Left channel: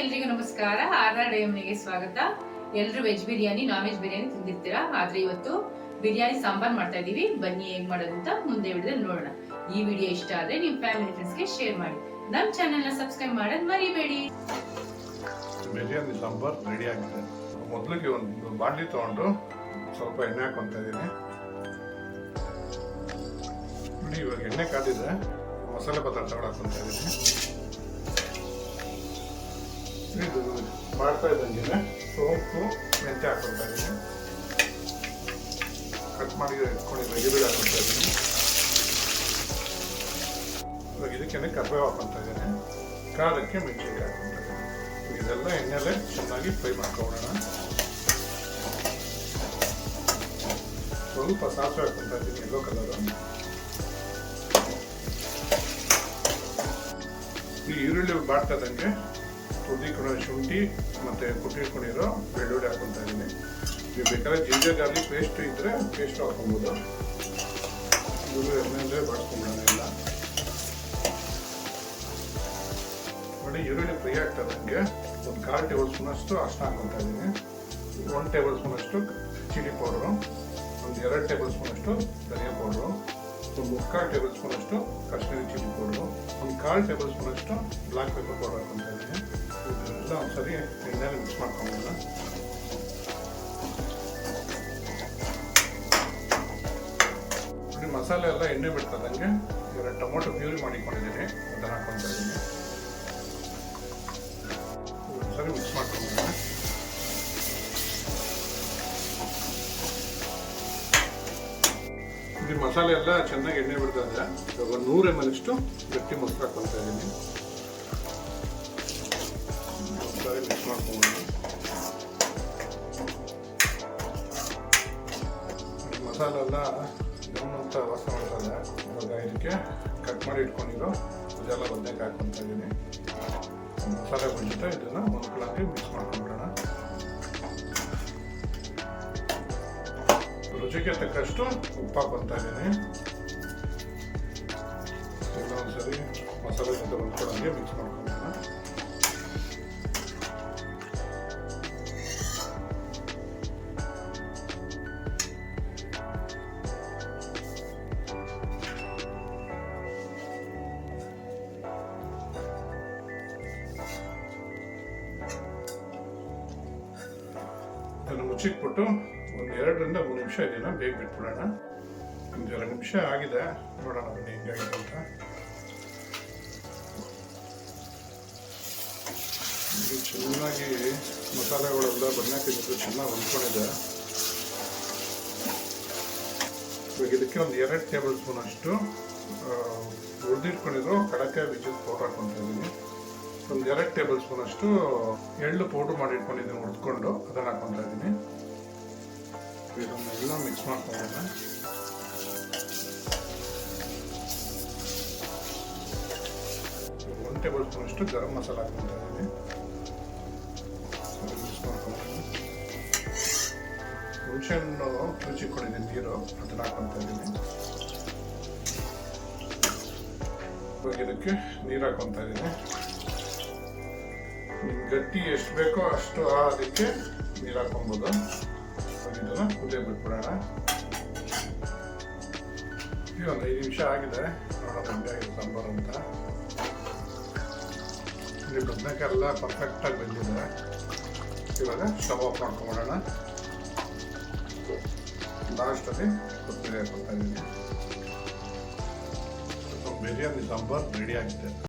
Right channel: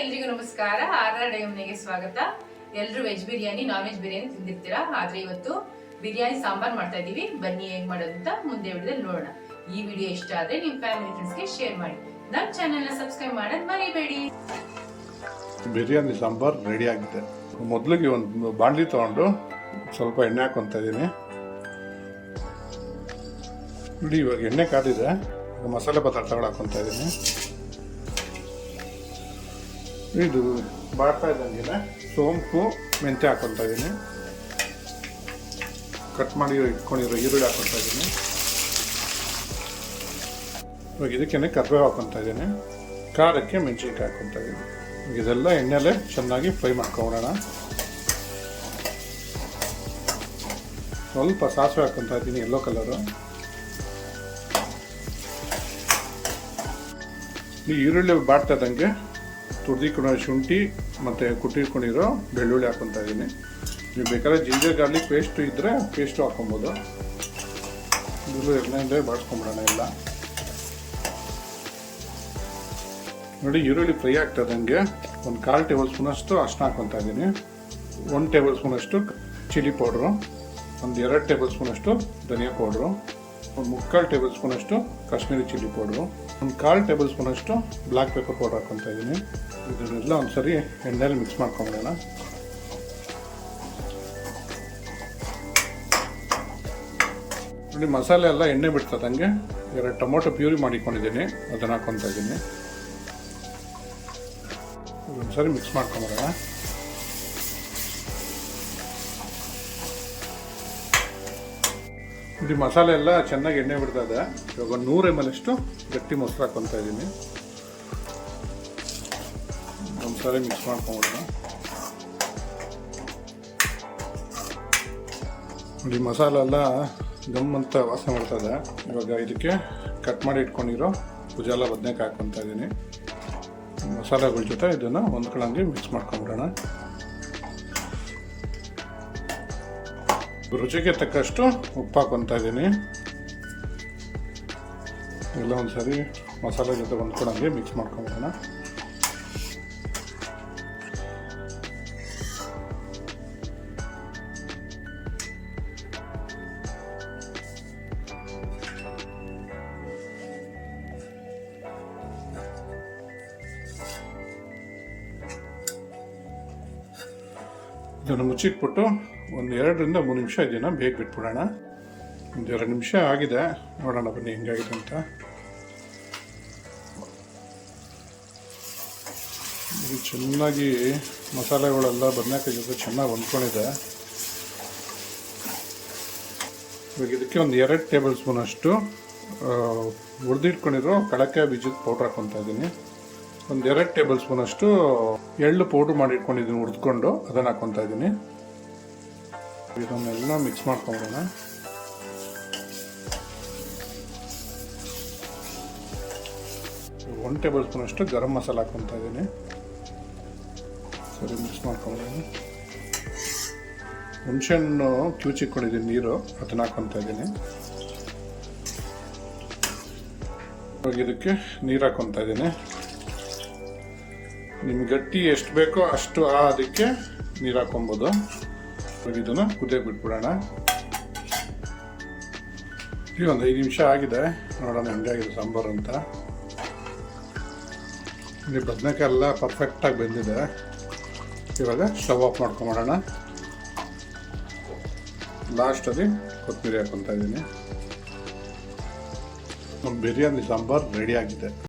ಎಲ್ರಿಗೂ ನಮಸ್ಕಾರ. RRDMನೆಗೆ ಸ್ವಾಗತ. ಎಲ್ಲರೂ veg biryani, non veg biryani ತಿಂದಿರ್ತೀರಾ. ಆದ್ರೆ ಇವತ್ತು ಬಿರಿಯಾನಿ ಸಾಂಬಾರ್ ಮಾಡ್ತಾ ಇದೀವಿ. ಬನ್ನಿ ಹೇಗ್ ಮಾಡೋದು ಅಂತ ಮುಂದೆ ವಿಡಿಯೋದಲ್ಲಿ ನೋಡೋಣ. ಈ ವಿಡಿಯೋ ಇಷ್ಟ ಆದ್ರೆ ನಿಮ್ಮ ಫ್ಯಾಮಿಲಿ ಫ್ರೆಂಡ್ಸ್ಗೆ ಶೇರ್ ಮಾಡಿ. ನಮ್ಮ ಚಾನೆಲ್ ನ ಸಬ್ಸ್ಕ್ರೈಬ್ ಮಾಡೋದು ಮರಿಬೇಡಿ. ಬಿರಿಯಾನಿ ಸಾಂಬಾರ್ ರೆಡಿ ಆಗಿದೆ. ಮೊದಲಿಗೆ ಒಂದು ಬಾಣಲಿ ತಗೊಂಡು ಸ್ವಲ್ಪ ಎಣ್ಣೆ ಹಾಕೊಂತ ಇದೀನಿ. ಇವಾಗ ಎಣ್ಣೆ ಕಾದಿದೆ, ಮಸಾಲೆ ಪದಾರ್ಥಗಳು ಹಾಕೊಂತ ಇದೀನಿ. ಇದು ಮಾಡ್ತಾ ಇದ್ದಂಗೆ ಸೋಂಪು ಮೆಂತ್ಯ ಹಾಕೊತಾ ಇದ್ದೀನಿ. ಕಟ್ ಮಾಡಿ ಇಟ್ಕೊಂಡಿರೋ ಈರುಳ್ಳಿ ಹಾಕೊತಾ ಇದ್ದೀನಿ. ಇವಾಗ ಇದಕ್ಕೆ ಕರ್ಬೇವು ಹಾಕೊತಾ ಇದ್ದೀನಿ. ಖಾರಕ್ಕೆ ಮೆಣಸಿನಕಾಯಿ ಹಾಕೊತಾ ಇದ್ದೀನಿ. ಇದೆಲ್ಲ ಎಣ್ಣೆಲೆ ಚೆನ್ನಾಗಿ ಫ್ರೈ ಮಾಡ್ಕೊಳ್ಳೋಣ. ಸ್ವಲ್ಪ ಸಾಸಿವೆ ಹಾಕೊತಾ ಇದ್ದೀನಿ, ಯೆಲ್ಲೋ ಕಲರು. ಈ ಈರುಳ್ಳಿ ಬಾಡ್ತಾ ಇದ್ದಂಗೆ ತುರಿದಿಟ್ಕೊಂಡಿರೋ ಶುಂಠಿ ಮತ್ತು ಕುಟ್ಟಿಟ್ಕೊಂಡಿರೋ ಬೆಳ್ಳುಳ್ಳಿ ಹಾಕೊತಾ ಇದ್ದೀನಿ. ನೀವು ಬೇಕಾದ್ರೆ ಜಿಂಜರ್ ಗಾರ್ಲಿಕ್ ಪೇಸ್ಟ್ ಇದ್ದರೆ ಪೇಸ್ಟು ಹಾಕೊಬೋದು. ಇದು ಎಣ್ಣೆಯಲ್ಲೇ ಬಾಡಿಸ್ಕೊಂಬಿಡೋಣ ಎಲ್ಲ. ನೋಡಿ, ಈರುಳ್ಳಿ ಫ್ರೈ ಆಗ್ತದಂಗೆ ಒಂದು 1/4 ಟೇಬಲ್ ಸ್ಪೂನಷ್ಟು ಅರಿಶಿನ ಹಾಕೊತಾ ಇದ್ದೀನಿ. 1 ಟೇಬಲ್ ಸ್ಪೂನಷ್ಟು ಚಿಲ್ಲಿ ಪೌಡ್ರು, ಒಂದು 2 ಟೇಬಲ್ ಸ್ಪೂನಷ್ಟು ಧನಿಯಾ ಪೌಡ್ರು, ಒಂದು 3/4 ಟೇಬಲ್ ಸ್ಪೂನಷ್ಟು ಕಾಶ್ಮೀರಿ ಚಿಲ್ಲಿ ಪೌಡ್ರು, ಒಂದು 1/4 ಟೇಬಲ್ ಸ್ಪೂನಷ್ಟು ಬ್ಲ್ಯಾಕ್ ಪೆಪ್ಪರ್ ಪೌಡರ್ ಹಾಕೊತಾ ಇದ್ದೀನಿ. ಇದನ್ನೆಲ್ಲ ಒಂದ್ಸರಿ ಎಣ್ಣೆಯಲ್ಲಿ ಮಿಕ್ಸ್ ಮಾಡ್ಕೊಳ್ಳೋಣ. ಇಲ್ಲಿ ಮಸಾಲೆ ಎಲ್ಲ ಎಣ್ಣೆ ಬಿಡ್ತದಂಗೆ 2 ಟೊಮೊಟೊ ಪ್ಯೂರಿ ಮಾಡಿಕೊಂಡಿದ್ದೀನಿ, ಅದನ್ನು ಹಾಕೊತಾ ಇದ್ದೀನಿ. ಒಂದ್ಸರಿ ಮಿಕ್ಸ್ ಮಾಡ್ಕೊಳ್ಳೋಣ. ಇದು ಮಸಾಲೆ ಎಲ್ಲ ಚೆನ್ನಾಗಿ ಎಣ್ಣೆ ಬಿಡ್ತಾ ಇದೆ. ಇವಾಗ 100 ml ಅಷ್ಟು ಗಟ್ಟಿ ಮೊಸರು ಹಾಕೊತಾ ಇದ್ದೀನಿ. ಒಂದ್ಸರಿ ಮಿಕ್ಸ್ ಮಾಡ್ಕೊಳ್ಳೋಣ. ಈ ಮಸಾಲೆ ಎಲ್ಲ ಗಮ್ ಅಂತ ವಾಸನೆ ಮಾಡ್ತದೆ. ಇವಾಗ ಇದಕ್ಕೆ ಕಟ್ ಮಾಡಿ ಇಟ್ಕೊಂಡಿರೋ ಕುಜಾಲ ಬದನೆಕಾಯಿ ಹಾಕೊತಾ ಇದ್ದೀನಿ. ಮಸಾಲೆಗಳ ಜೊತೆ ಇದನ್ನು ಹೊಂದ್ಕೊಳ್ಳಂಗೆ ಮಿಕ್ಸ್ ಮಾಡ್ಕೊಂಡ್ಬಿಡೋಣ. ರುಚಿಗೆ ತಕ್ಕಷ್ಟು ಉಪ್ಪು ಹಾಕೊತಾ ಇದ್ದೀನಿ. ಎಲ್ಲ ಒಂದ್ಸರಿ ಮಸಾಲೆ ಜೊತೆ ಹೊಂದ್ಕೊಳ್ಳಂಗೆ ಮಿಕ್ಸ್ ಮಾಡ್ಕೊಳ್ಳೋಣ. ಇದನ್ನು ಮುಚ್ಚಿಟ್ಬಿಟ್ಟು ಒಂದು 2 ರಿಂದ 3 ನಿಮಿಷ ಇದನ್ನು ಬೇಗ ಬಿಟ್ಬಿಡೋಣ. ಒಂದು 2 ನಿಮಿಷ ಆಗಿದೆ, ನೋಡೋಣ ಬನ್ನಿ ಹೆಂಗಾಗಿದೆ ಅಂತ. ಇದು ಚೆನ್ನಾಗಿ ಮಸಾಲೆಗಳೆಲ್ಲ ಬದನೆಕಾಯಿ ಜೊತೆ ಚೆನ್ನಾಗಿ ಹೊಂದ್ಕೊಂಡಿದೆ. ಇವಾಗ ಇದಕ್ಕೆ ಒಂದು 2 ಟೇಬಲ್ ಸ್ಪೂನ್ ಅಷ್ಟು ಹುರಿದಿಟ್ಕೊಂಡಿರೋ ಕಡಲೆಕಾಯಿ ಬೀಜದ ಪೌಡ್ರ್ ಹಾಕೊತಾ ಇದ್ದೀನಿ. ಒಂದು 2 ಟೇಬಲ್ ಸ್ಪೂನ್ ಅಷ್ಟು ಎಳ್ಳು ಪೌಡ್ರ್ ಮಾಡಿ ಇಟ್ಕೊಂಡಿದ್ದೀನಿ, ಹುರಿದ್ಕೊಂಡು ಅದನ್ನು ಹಾಕೊತಾ ಇದ್ದೀನಿ. ಇದನ್ನೆಲ್ಲ ಮಿಕ್ಸ್ ಮಾಡ್ಕೊಂಬೋಣ. ಒಂದು ಟೇಬಲ್ ಸ್ಪೂನ್ ಅಷ್ಟು ಗರಂ ಮಸಾಲ ಹಾಕೊತಾ ಇದ್ದೀನಿ. ಸರಿ, ಮಿಕ್ಸ್ ಮಾಡ್ಕೊಂಡಿದ್ದೀನಿ. ಹುಣಸೆಹಣ್ಣು ಕಿವುಚಿಟ್ಕೊಂಡಿದ್ದೀನಿ ನೀರು, ಅದನ್ನು ಹಾಕೊತಾ ಇದ್ದೀನಿ. ಇವಾಗ ಇದಕ್ಕೆ ನೀರು ಹಾಕೊತಾ ಇದ್ದೀನಿ. ನಿಮ್ಗೆ ಗಟ್ಟಿ ಎಷ್ಟು ಬೇಕೋ ಅಷ್ಟು ಅದಕ್ಕೆ ನೀರು ಹಾಕೊಬೋದು. ಇದನ್ನು ಕುದಿಯೋಕೆ ಬಿಟ್ಬಿಡೋಣ. ಈಗ ಒಂದು 5 ನಿಮಿಷ ಆಗಿದೆ, ನೋಡೋಣ ಹೆಂಗಾಗಿದೆ ಸಾಂಬಾರು ಅಂತ. ಇಲ್ಲಿ ಬದನೆಕಾಯಿ ಎಲ್ಲ ಪರ್ಫೆಕ್ಟಾಗಿ ಬೆಂದಿದೆ. ಇವಾಗ ಸ್ಟವ್ ಆಫ್ ಮಾಡ್ಕೊಂಬೋಣ. ಲಾಸ್ಟಲ್ಲಿ ಕೊತ್ತಂಬರಿ ಹಾಕೊತಾ ಇದ್ದೀನಿ. ನಮ್ಮ ಬಿರಿಯಾನಿ ಸಾಂಬಾರು ರೆಡಿ ಆಗಿದೆ.